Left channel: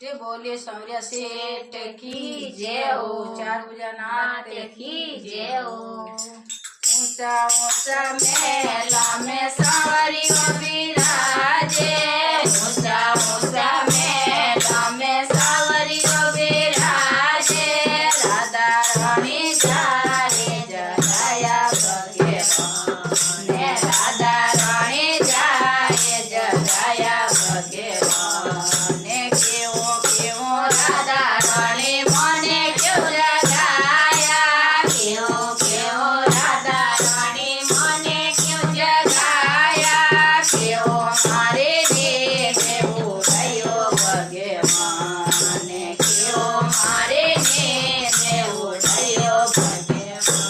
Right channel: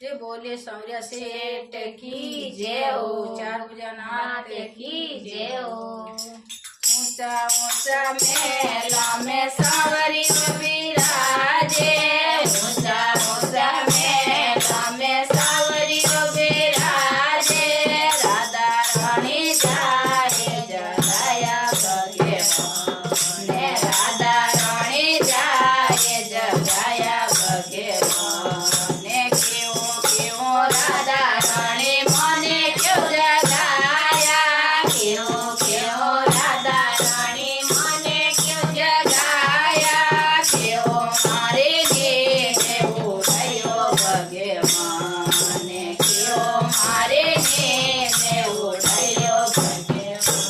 ये बोलिए सौर्य सेठ की जय हो। चार भुजा नाथ की जय हो। ऊंचा ऊंचा मेला में सांवरियो विराजे ऊंचा ऊंचा मेला में सांवरियो विराजे राधा रानी जाए जया भगवान ने राधा रानी जाए जया भगवान ने केवो केवो राधा रानी मने क्यों जगाया केवो केवो राधा रानी मने क्यों जगाया केवो मारे ने उठायो भगवान ने केवो मारे ने उठायो भगवान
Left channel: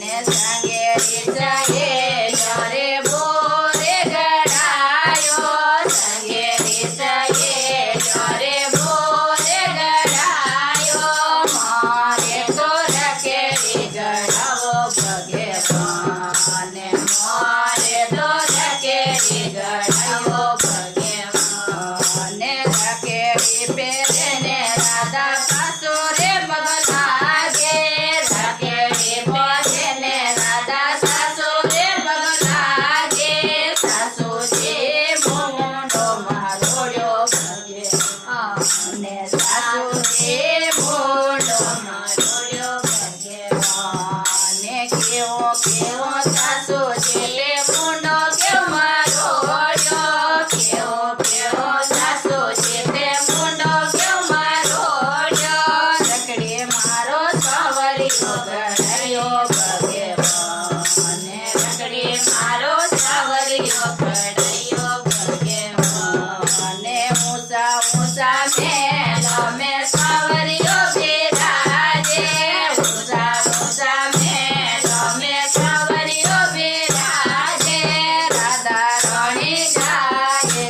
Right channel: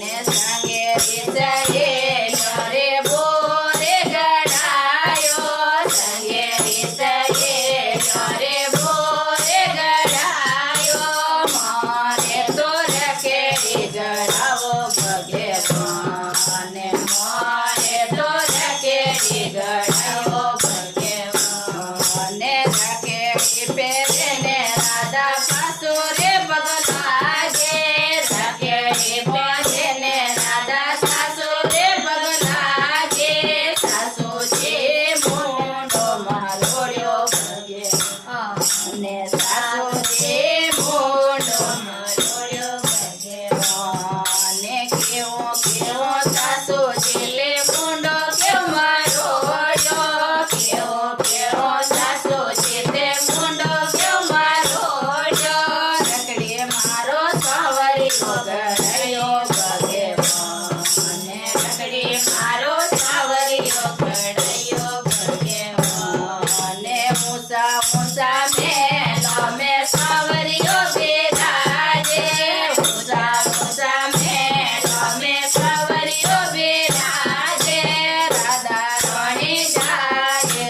ने संगे रिसाए यारे बोरे गड़ायो संगे रिसाए यारे बोरे गड़ायो मारे तो रखे गड़ावो भगवान मारे तो रखे गड़ावो भगवान रखे पेने राधा सासुरे बगलागे रखे पेने राधा सासुरे बगलागे सासु जे मोंडो मारोयो भगवान सासु जे मोंडो मारोयो भगवान केवो केवो सासु जे मोंडो केवो मारोयो केवो केवो सासु जे मोंडो केवो मारोयो रकड़े मारो सावरियो गड़ायो भगवान रकड़े मारो सावरियो गड़ायो भगवान मूसा मूसा मेला में सावरियो विराजे मूसा मूसा मेला में सावरियो विराजे राधा रानी जाए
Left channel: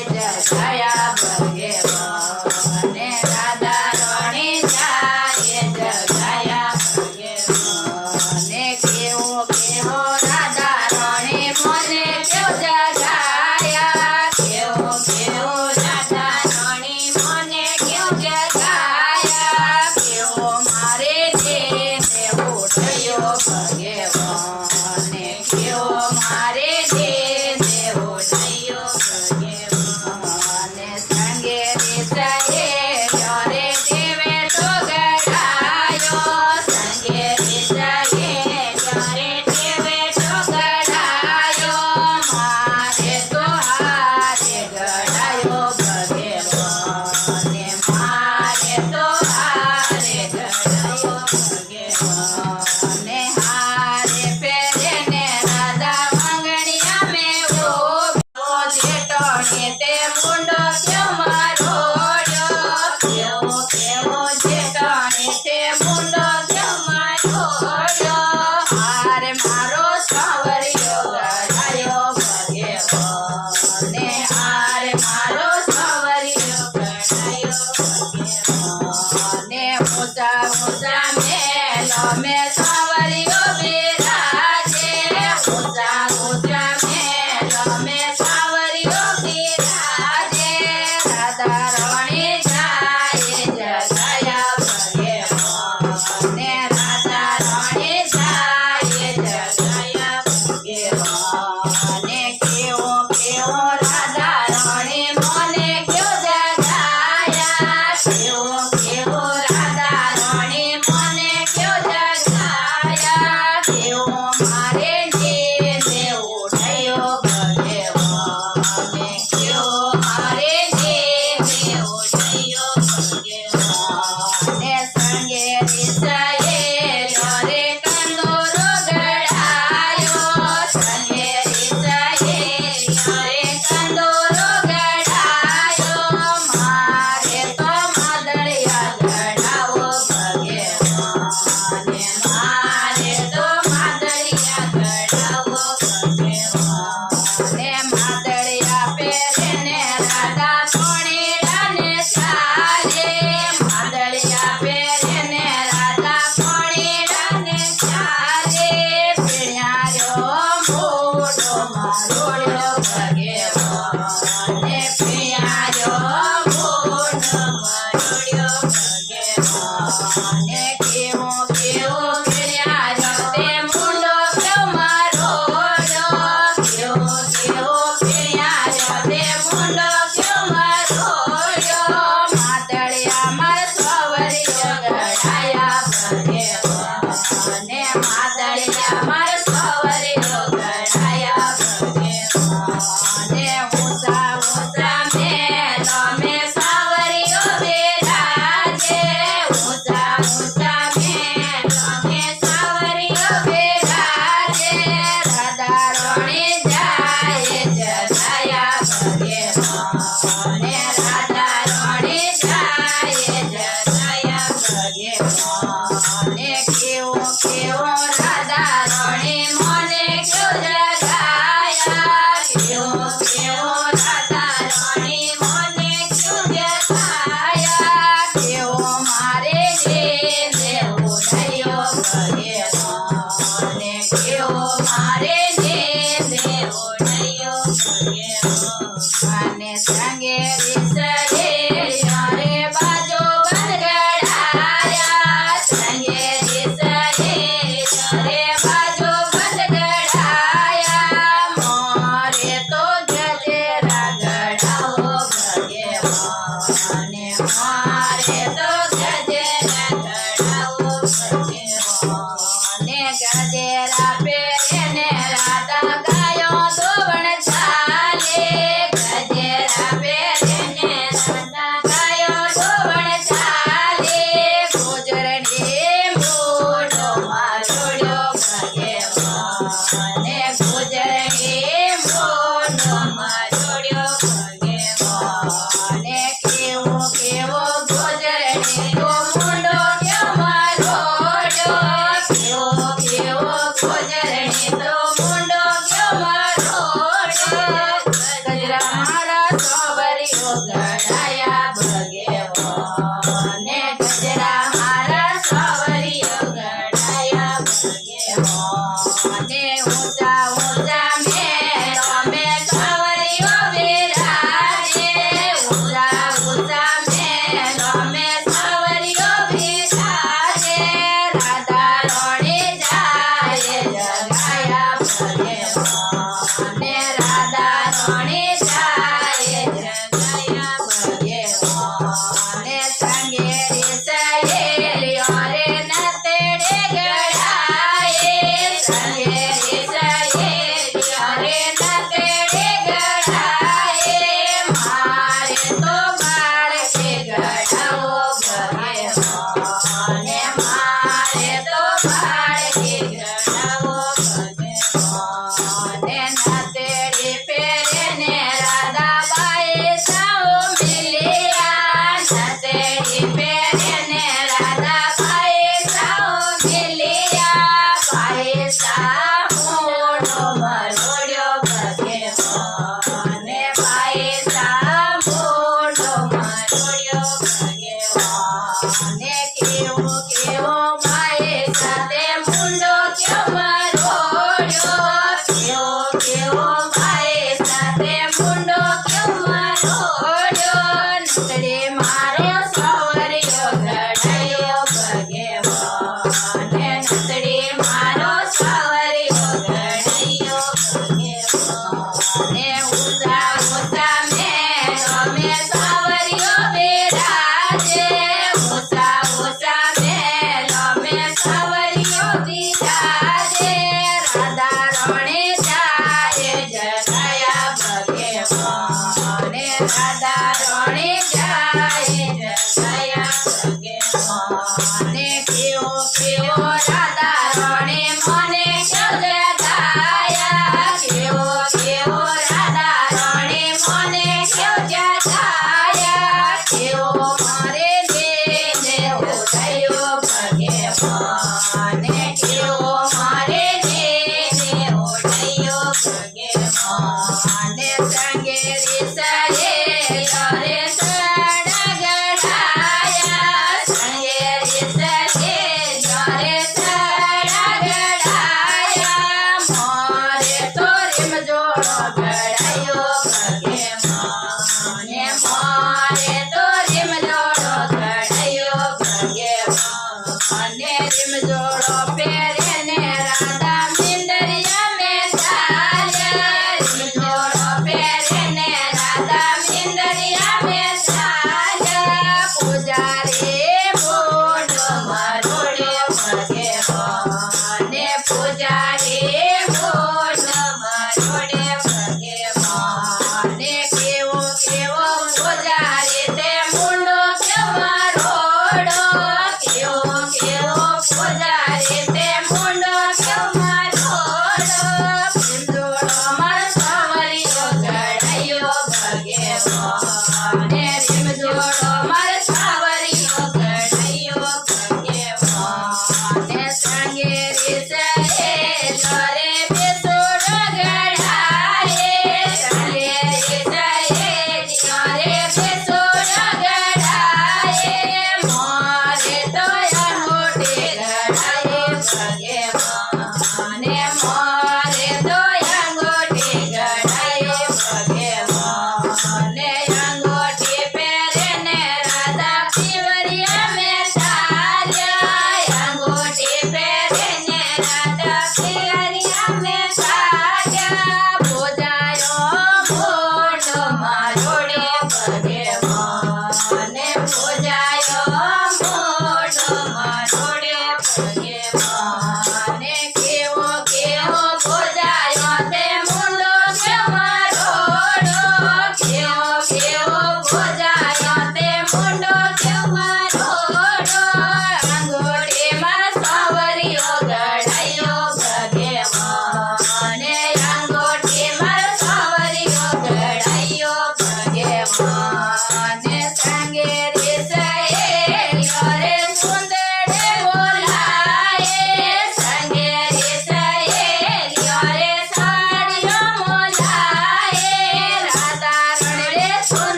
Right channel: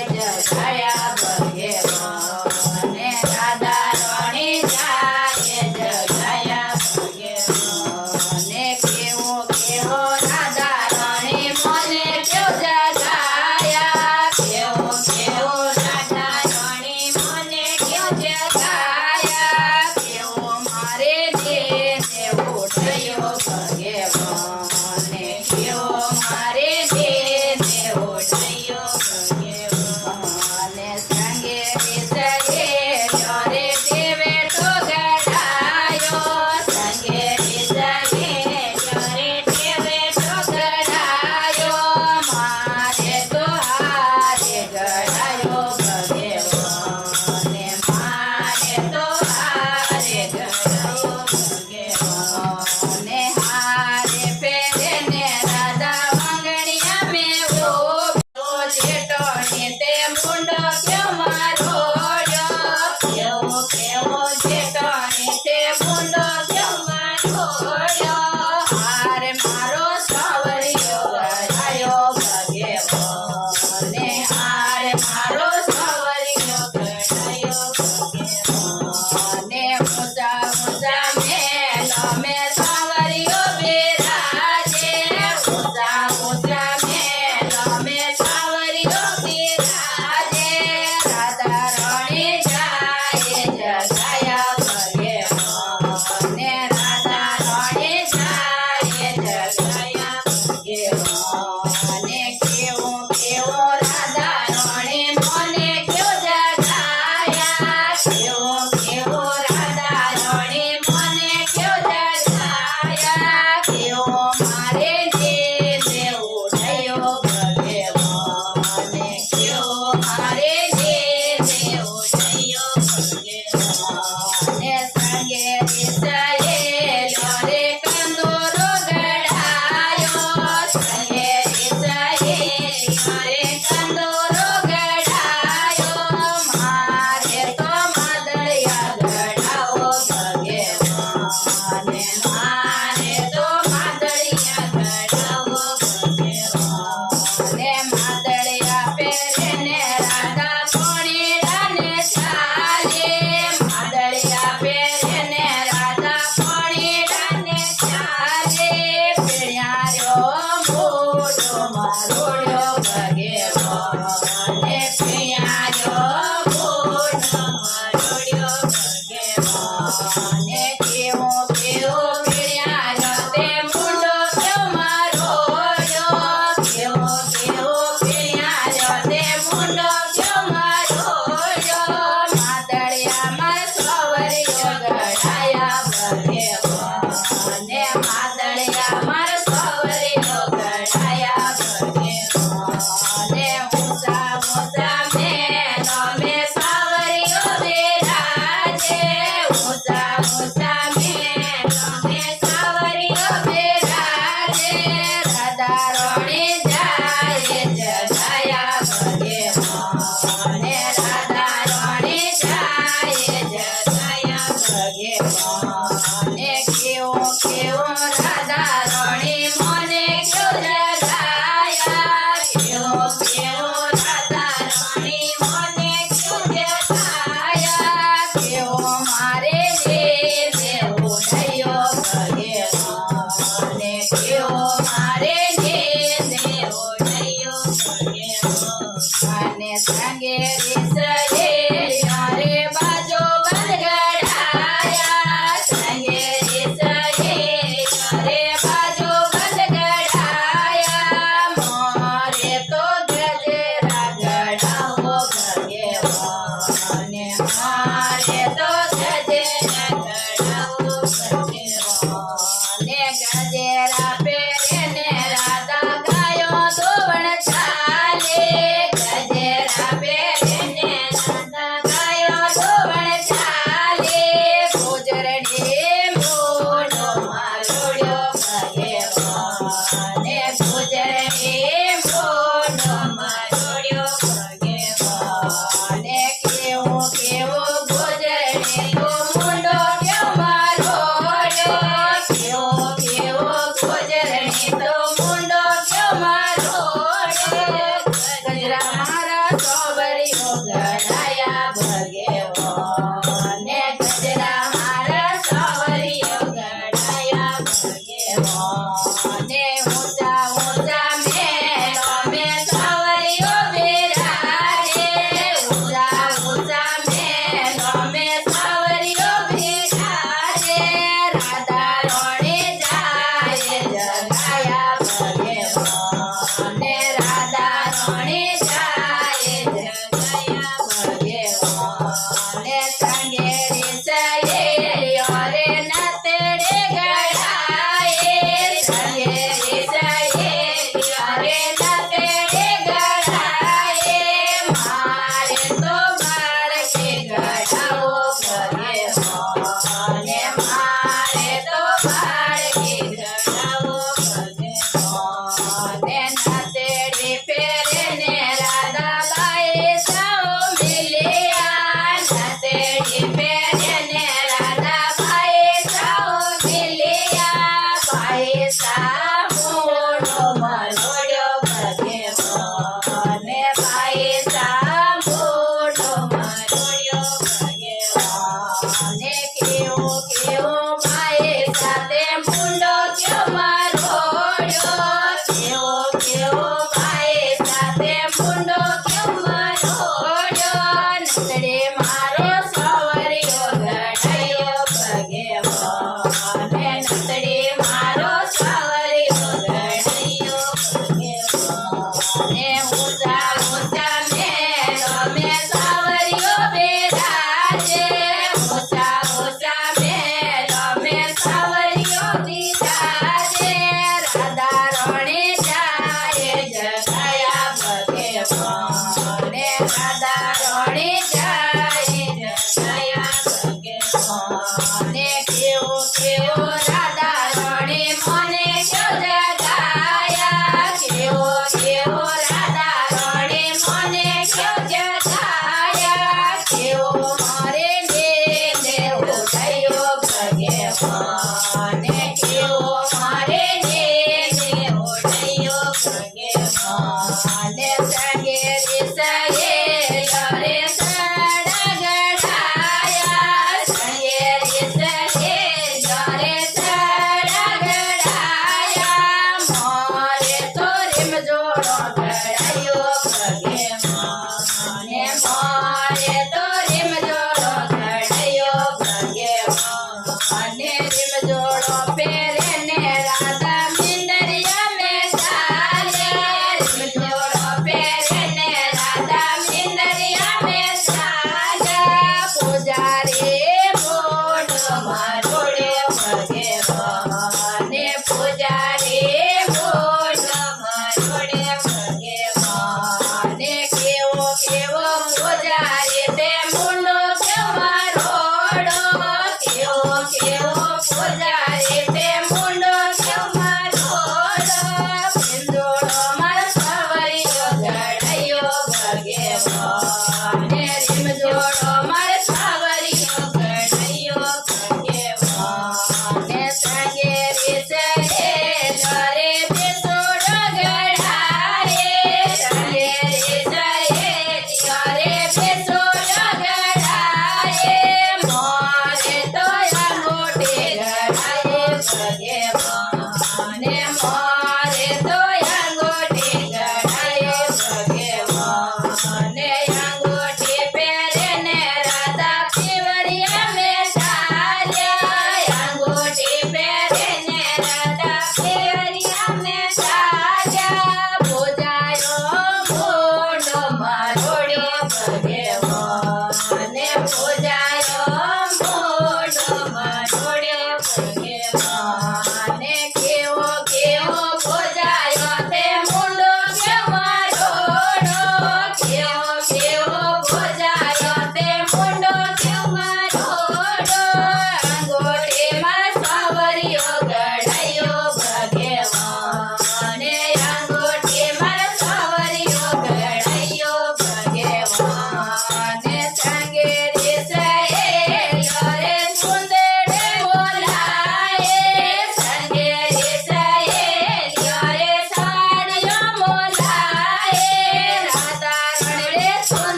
जया भगवान राधा रानी जाए जया भगवान केवो केवो राधा रानी मने क्यों जगाया केवो केवो राधा रानी मने મારે તો ગજેરા ચડાવો ભગેવો ને ગજેરા પહેરીને રાધા ગાયો ધોવણ ચાલે ગજેરા પહેરીને રાધા ગાયો ધોવણ ચાલે ગુજરડી મોઢો મારોડ્યો ભગેવો ને ગુજરડી મોઢો મારોડ્યો ભગેવો ને કેવો કેવો ગુજરડી તો મુંડો કેવો મારોડ્યો કેવો કેવો ગુજરડી તો મુંડો કેવો મારોડ્યો ગજરા મારા સોવરીઓ ગડાયા ભગેવો ને ગજરા મારા સોવરીઓ ગડાયા ભગેવો ને ઊંચા ઊંચા મેળો મે સોવરીઓ બિરાજે ઊંચા ઊંચા મેળો મે સોવરીઓ બિરાજે રાધા રોણી જાય જગાયા ભગેવો ને રાધા રોણી જાય જગાયા ભગેવો ને સંગેરી સહેલીઓ રે નતડે ગળાએ સંગેરી સહેલીઓ રે નતડે ગળાએ મારે તો બાળકે ગળાવો ભગેવો ને મારે તો બાળકે ગળાવો ભગેવો ને નતડી પહેરીને રાધાબાઈ સૌ મિલ્યા નતડી પહેરીને રાધાબાઈ સૌ મિલ્યા બાઈ સા મોઢો મરોડ્યો ભગેવો ને બાઈ સા મોઢો મરોડ્યો ભગેવો ને કેવો કેવો બાઈ સાથે મુંડો કેવો મરોડ્યો કેવો કેવો બાઈ સાથે મુંડો કેવો મરોડ્યો નતડે મારે સવરીયો ગડાયો ભગેવો ને નતડે મારો સવરીયો ગડાયો ભગેવો ને ઊંચા ઊંચા મેળો મે સવરીયો બિરાજે ઊંચા ઊંચા મેળો મે સવરીયો બિરાજે રાધા રોણી જાય જગાયા ભગેવો ને રાધા રોણી જાય જગાયા ભગેવો ને કેવો કેવો રાધા રોણી મને કેવ જગાયા કેવો કેવો રાધા રોણી મને કેવ જગાયા કેવો મારે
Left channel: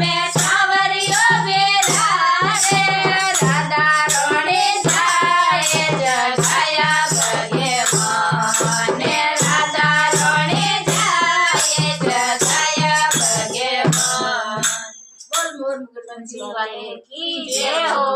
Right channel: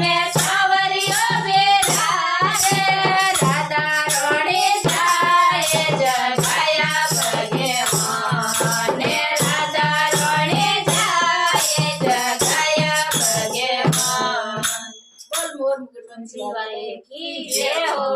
અમે સાવરીઓ વેલા રે રાધા રણી જાય જગાયા ભગવાને રાધા રણી જાય જગાયા ભગવાન. બોલ મોર મુકુટ વંશી વાલે કી જય હો.